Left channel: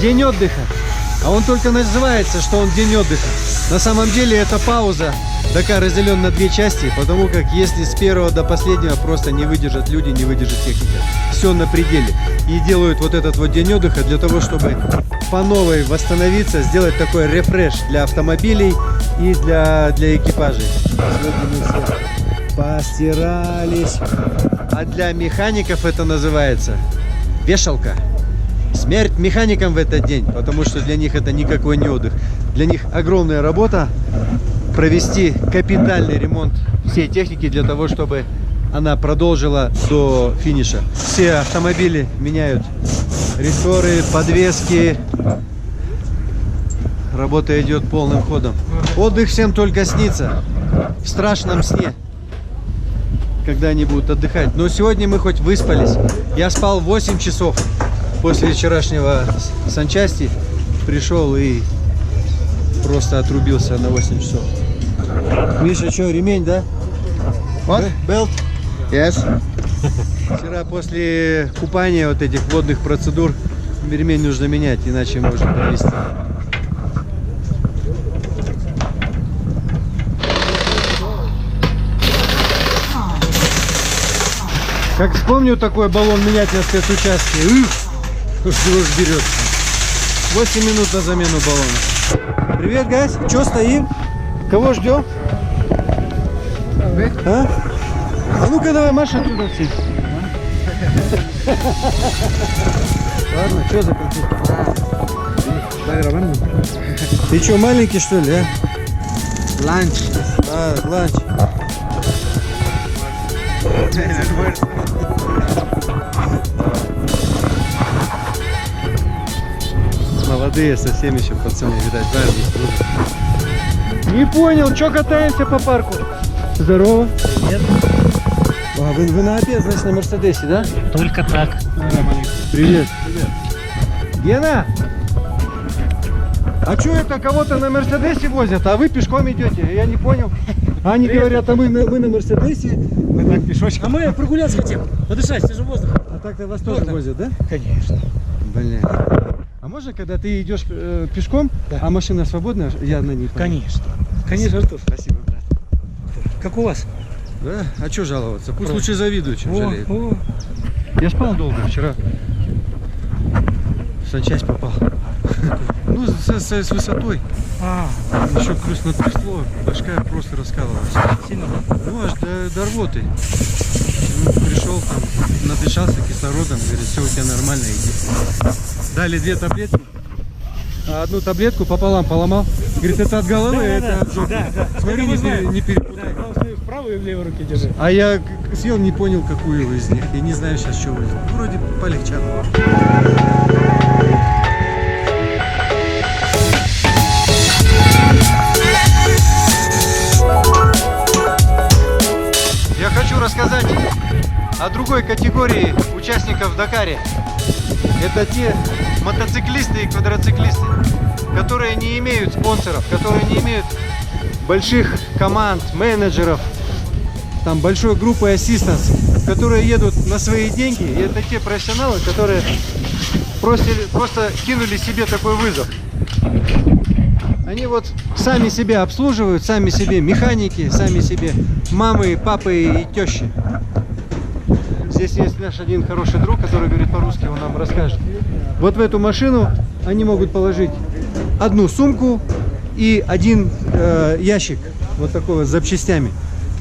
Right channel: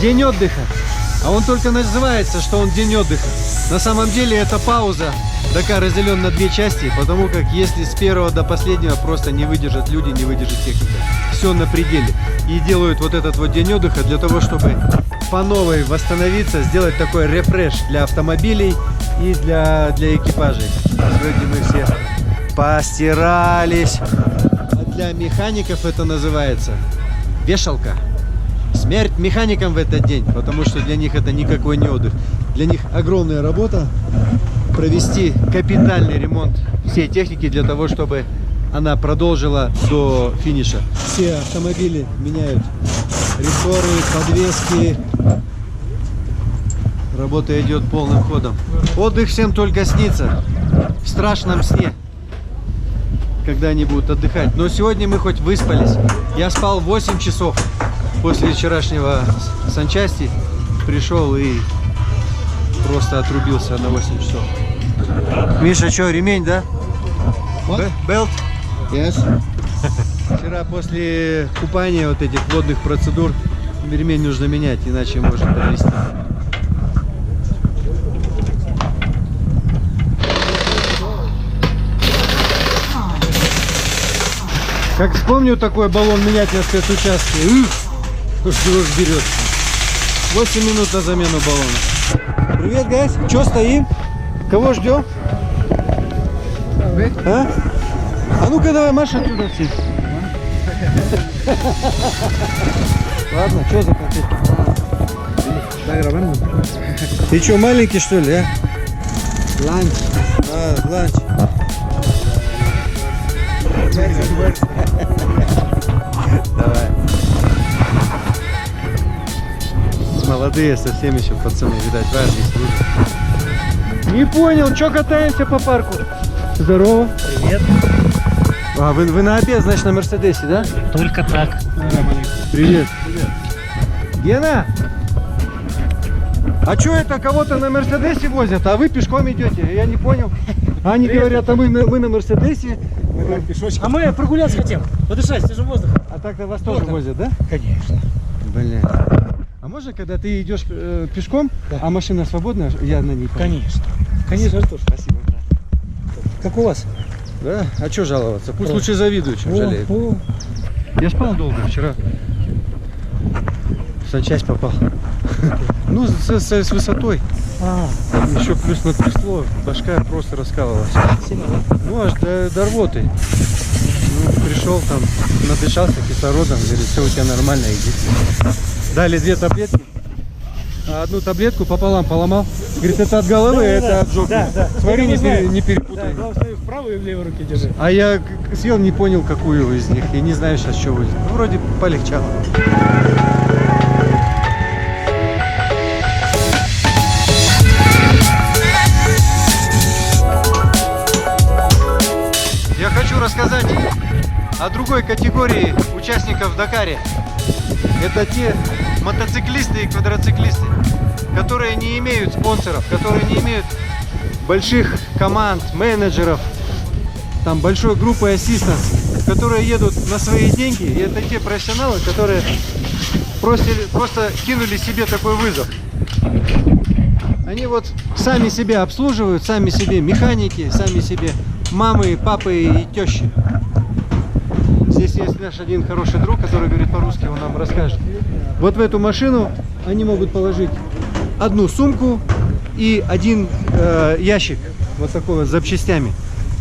День отдыха. А он только называется, что он день отдыха. На самом деле это пауза. Дакар разделен на две части, потому как если с первого до последнего просто не выдержат люди, не выдержит техника. Все на пределе. И делают вот этот вот день отдыха для того, чтобы по новой восстановиться, сделать такой рефреш для автомобилей и для экипажей. Сегодня мы все постирались. А для механиков это называется вешалка. Смерть механикам в этот день, потому что для них это никакой не отдых. Для них огромная работа провести капитальный ремонт всей техники для того, чтобы она продолжила до финиша. Все автомобили меняют рессоры, подвески. Работа идет полным ходом. Отдых всем только снится. В страшном сне, когда они будут отдыхать. Но сегодня мы хоть выспались. Я спал 8 часов после вчерашнего санчасти. Пришел и просто отрубился на 8 часов. Миша, что, ремень, да? What? Belt? Yes. Вчера после купания вот этих водных процедур ремень нужно менять, иначе может подвести. Как вспомню такой баллон менять на спецучастке, дрожь берет. 8 минут на замену баллона. Привет, гайс. Че стоим? Кого ждем? А? А ну-ка давай, Маша, оттуда все. Ладно, что за конфет? Ты что, маленький, что ли, а? Ланч. А, ланч. Давай. Молодые совсем еще пацаны, видать, в армии служат. Не понял, что катаемся по парку? Здорово. Привет. А, вы на обед, значит, на Мерседесе, да? Только так. Привет. Привет. Гена! А что это кого-то на Мерседесе возят, а вы пешком идете? Я не понял. Они говорят, а мы на Мерседесе. А мы прогуляться хотим, подышать свежим воздухом. А так-то вас тоже возят, да? Конечно. Блин. А можно, когда ты идешь пешком, да, а машина свободная, я на ней поеду? Конечно. Конечно, Артур. Спасибо, брат. Как у вас? Да? А что жаловаться? Пусть лучше завидуют, чем жалеют. О. Я спал долго вчера. В санчасть попал. Ну, с высотой. Еще плюс натрясло, башка просто раскалывалась. Сильно, да? Ну, аж до рвоты. Ну, пришел там, надышался кислородом, говорит, все у тебя нормально, иди. Дали 2 таблетки. А одну таблетку пополам поломал. Говорит, это от головы, Да, это да, от жопы. да. Смотри, Это не Да, перепутай. главное, в правую и в левую руки держи. А я съел, не понял, какую из них. И не знаю сейчас, что будет. Ну, вроде полегчало. Я хочу рассказать о другой категории участников в Дакаре. Это те мотоциклисты и квадроциклисты, которые не имеют спонсоров, которые не имеют больших команд, менеджеров, там большой группы ассистенс, которые едут на свои деньги. И это те профессионалы, которые просто кинули себе такой вызов. Они вот сами себя обслуживают, сами себе механики, сами себе мамы, папы и тещи. Здесь есть наш один хороший друг, который говорит по-русски, он нам расскажет. Вот в эту машину они могут положить одну сумку и один ящик, вот такой вот с запчастями.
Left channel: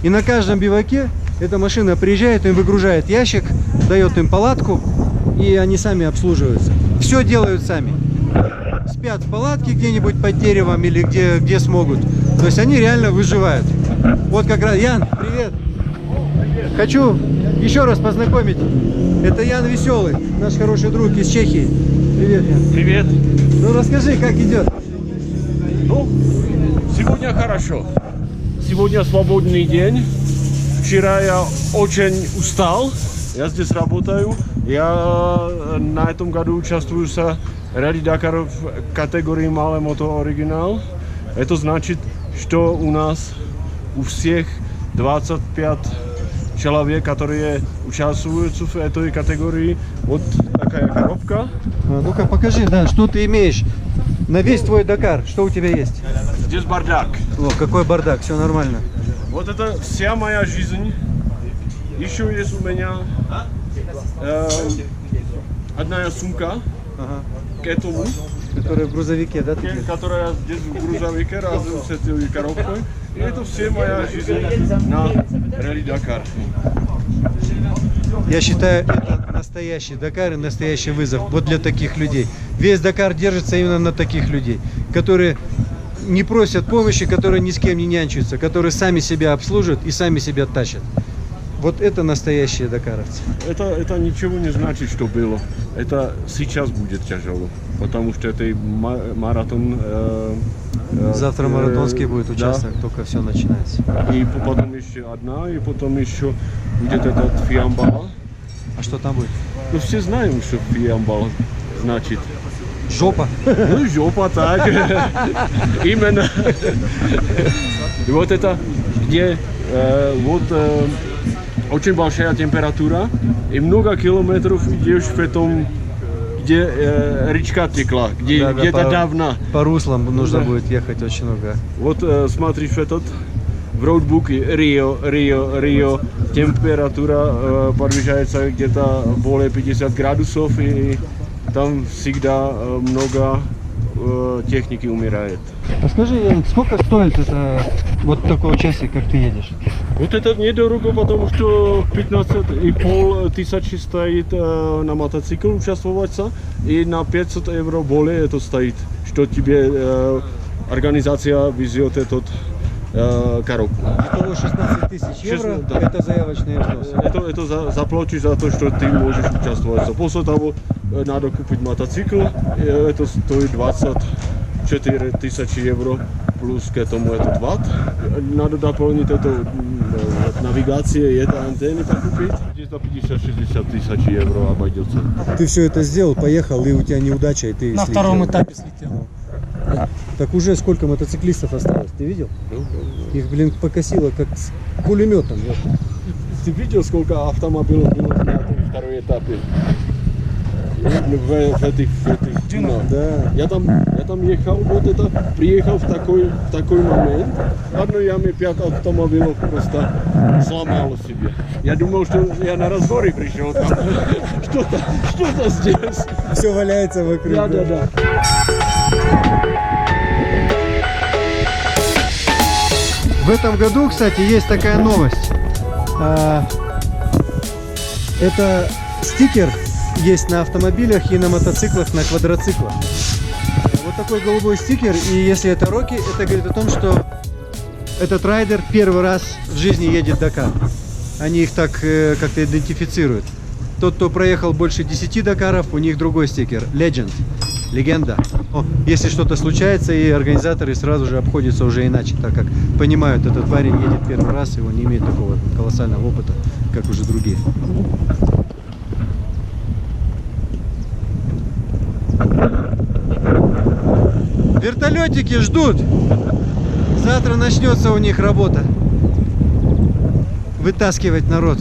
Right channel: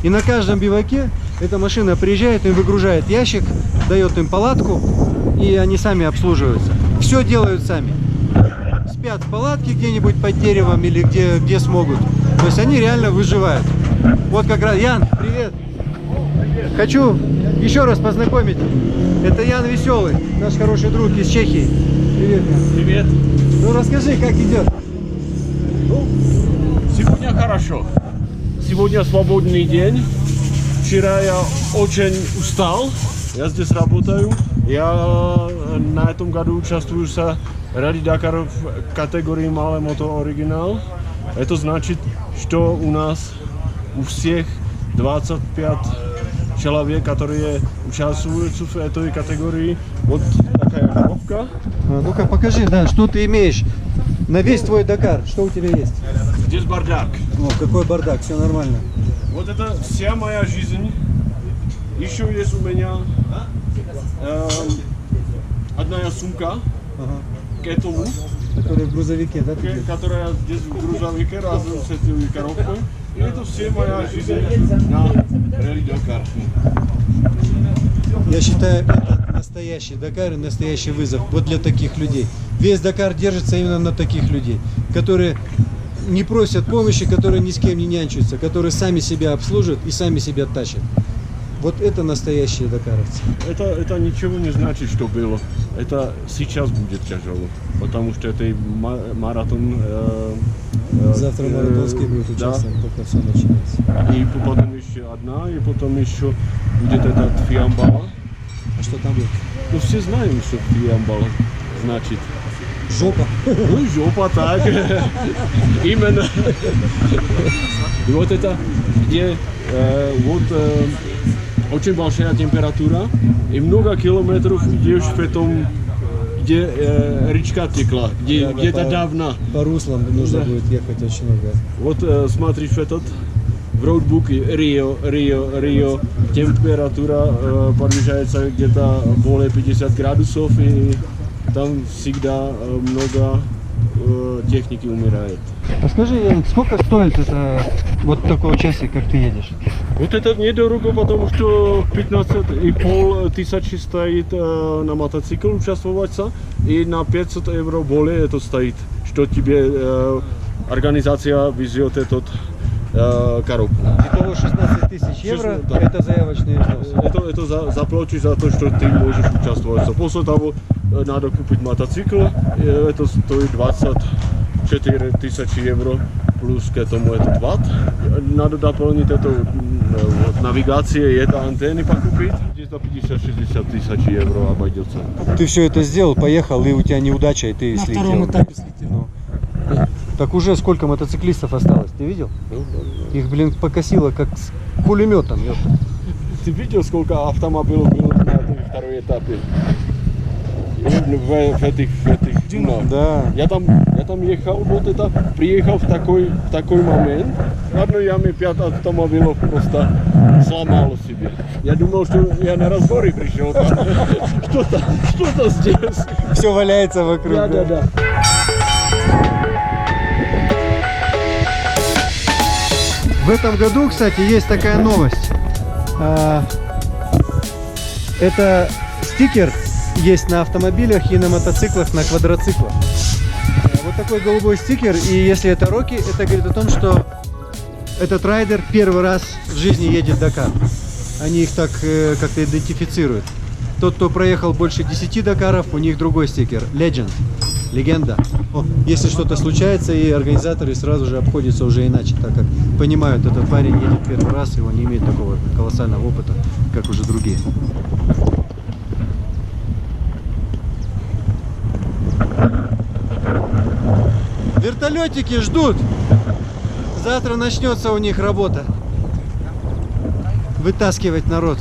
И на каждом биваке эта машина приезжает, им выгружает ящик, дает им палатку, и они сами обслуживаются. Все делают сами. Спят в палатке где-нибудь под деревом или где смогут. То есть они реально выживают. Вот как раз, Ян, привет! Хочу еще раз познакомить. Это Ян Веселый, наш хороший друг из Чехии. Привет, Ян. Привет. Ну расскажи, как идет? Ну, сегодня хорошо. Сегодня свободный день. Вчера я очень устал. Я здесь работаю. Я на этом году участвую в Rally Dakar в категории Малé Moto Original. Это значит, что у нас у всех 25 человек, который участвует в этой категории. Вот такая коробка. Ну-ка покажи, да, что ты имеешь на весь твой Дакар, что у тебя есть? Здесь бардак. О, какой бардак, все нормально. Вот это вся моя жизнь. Еще есть у меня одна сумка Ага. к этому, Который в грузовике, да? ты которая здесь в грузовике разом с этой коробкой. И это все моя жизнь на Ралли Дакар. Я считаю, это настоящий Дакар и настоящий вызов вот для таких людей. Весь Дакар держится именно на таких людей, которые не просят помощи, которые ни с кем не нянчатся, которые сами себя обслуживают и сами себя тащат. Вот это настоящие дакаровцы. Это ничего не значит, что было. Это сейчас будет тяжело, потому что это маратон. Завтра маратонский будет да. участок, только все начинается. И потом еще одна, и потом еще будет этот фиамбала. А что там будет? Ну все знаем, что фиамбала значит. Жопа. Ну жопа так. Именно. И вот это, где очень большая температура и много километров идешь в этом, где речка текла, где Да, где-то по- давно. По руслам нужно Да. будет ехать очень много. Вот смотришь этот в роутбуке Рио, температура подвижается где-то более 50 градусов и там всегда много техники умирает. А скажи, Яник, сколько стоит это вот такой участок, как ты едешь? Вот это недорого, потому что 15,5 тысячи стоит на мотоцикл участвоваться и на 500 евро более это стоит, что тебе организация везет этот коробку. Итого 16 тысяч евро, Да. это заявочные взносы. Это заплатишь за то, что ты можешь участвовать. После того надо купить мотоцикл, это стоит 24 тысячи евро. Плюс к этому этот ватт. Надо дополнить это вот, навигация и это антенны покупить. Где-то 50-60 тысяч евро обойдется. Ты все это сделал, поехал, и у тебя неудача, и ты На слетел. втором этапе слетел. Ну. Так уже сколько мотоциклистов осталось, ты видел? Их, блин, покосило как с пулеметом. ёпта. Ты видел, сколько автомобилей было на этом втором этапе? В этих дюнах. Да. Я там ехал, вот это, приехал в такой момент. В одной яме 5 автомобилей просто сломало себе. Я думал, что я на разборе пришел там. Что-то здесь. Все валяется вокруг. Да. В этом году, кстати, есть такая новость. Это стикер есть на автомобилях и на мотоциклах, на квадроциклах. Вот такой голубой стикер, и если это Рокки, это говорит о том, что этот райдер первый раз в жизни едет Дакар. Они их так как-то идентифицируют. Тот, кто проехал больше 10 Дакаров, у них другой стикер. Legend. Легенда. Если что-то случается, и организаторы сразу же обходятся уже иначе, так как понимают, этот парень едет первый раз, и он не имеет такого колоссального опыта, как уже другие. Вертолетики ждут. Завтра начнется у них работа. Вытаскивать народ.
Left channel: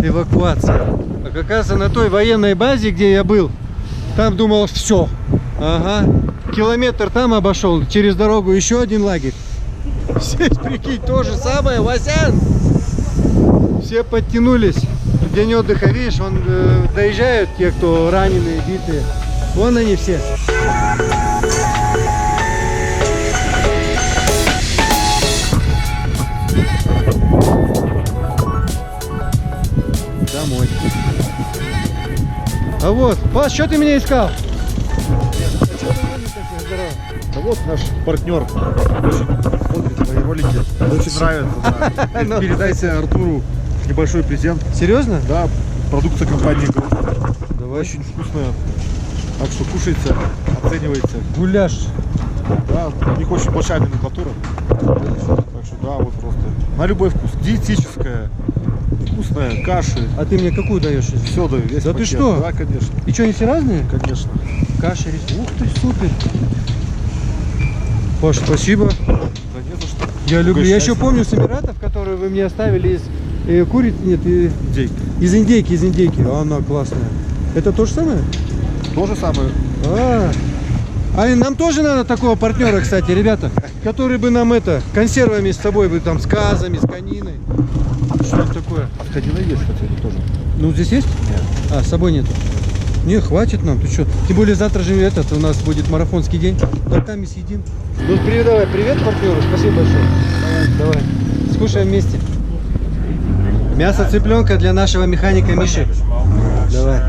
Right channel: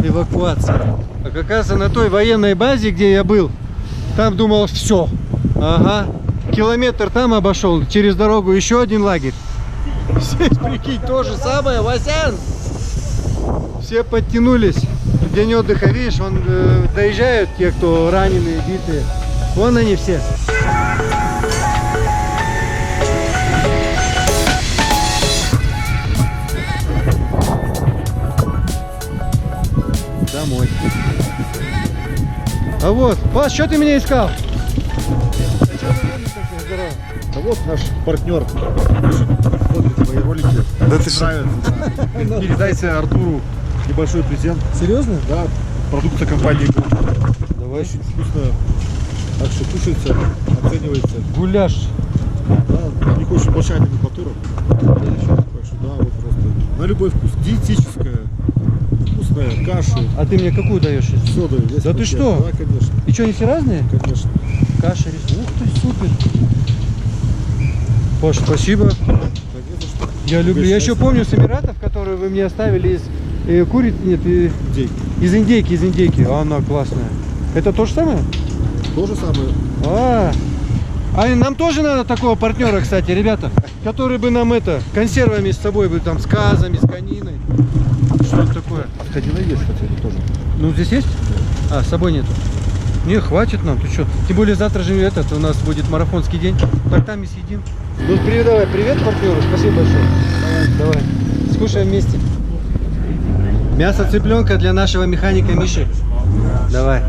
Эвакуация. А как раз на той военной базе, где я был, там думал, все. Ага. Километр там обошел, через дорогу еще один лагерь. Здесь, прикинь, то же самое, Васян. Все подтянулись. День отдыха, видишь, доезжают те, кто раненые, битые. Вон они все. Домой. А вот, Паш, что ты меня искал? А что ты вроде такой здоровый? А вот наш партнер очень смотрит твои ролики. Да ты нравится, да. Ну. Передайте Артуру небольшой презент. Серьезно? Да, продукция компании Грот. Давай. Очень вкусная. Так что кушайте, оценивайте. Гуляш. Да, у них очень большая номенклатура. Да ты что? Так что да, вот просто на любой вкус. Диетическая, вкусная, каши. А ты мне какую даешь сейчас? Все даю. весь Да ты пакет. что? Да, конечно. И что, они все разные? Конечно. Каша, рис. Ух ты, супер. Паш, спасибо. Да не за что. Я люблю. Я счастье. еще помню с Эмиратов, которые вы мне оставили из Нет, Индейки. из индейки. Она классная. Это то же самое? То же самое. А и нам тоже надо такого партнера, кстати, ребята, который бы нам консервами с собой, бы там с казами, с кониной, что-нибудь такое. Конина есть, кстати, тоже. Ну, здесь есть? А, с собой нету. Не, хватит нам, ты что? Тем более завтра же у нас будет марафонский день. Так там и съедим. Ну, передавай привет партнеру, спасибо большое. Давай. Скушаем вместе. Мясо цыпленка для нашего механика Миши. Давай.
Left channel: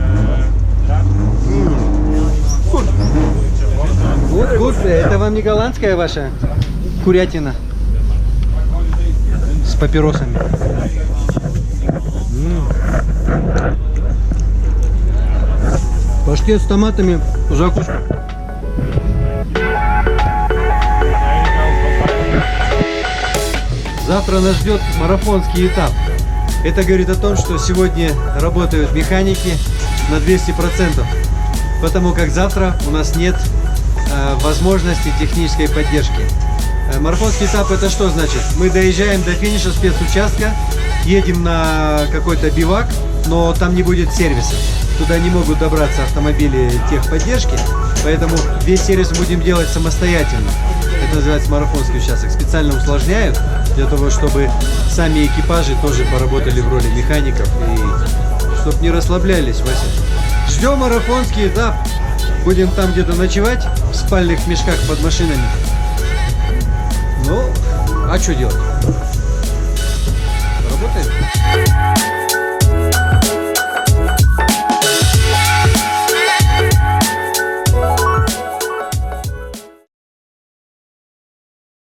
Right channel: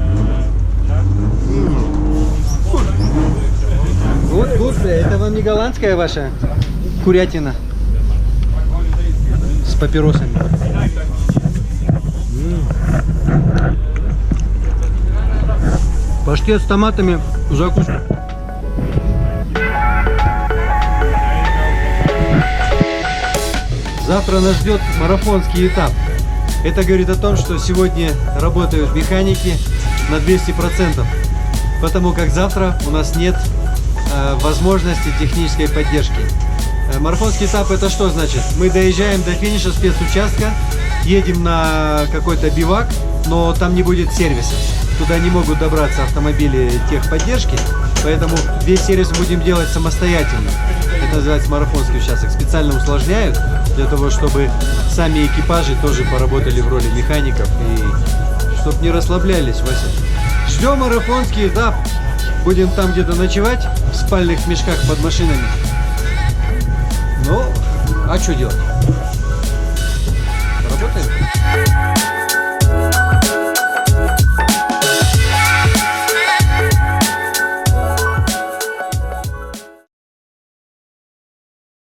Good. Это вам не голландская ваша курятина с папиросами? Паштет с томатами в закуску. Завтра нас ждет марафонский этап. Это говорит о том, что сегодня работают механики на 200%, потому как завтра у нас нет возможности технической поддержки. Марафонский этап — это что значит? Мы доезжаем до финиша спецучастка, едем на какой-то бивак, но там не будет сервиса. Туда не могут добраться автомобили техподдержки, поэтому весь сервис будем делать самостоятельно. Это называется марафонский участок. Специально усложняют для того, чтобы сами экипажи тоже поработали в роли механиков и чтобы не расслаблялись, Вася. Ждем марафонский этап. Будем там где-то ночевать в спальных мешках под машинами. Ну, а что делать? Работаем?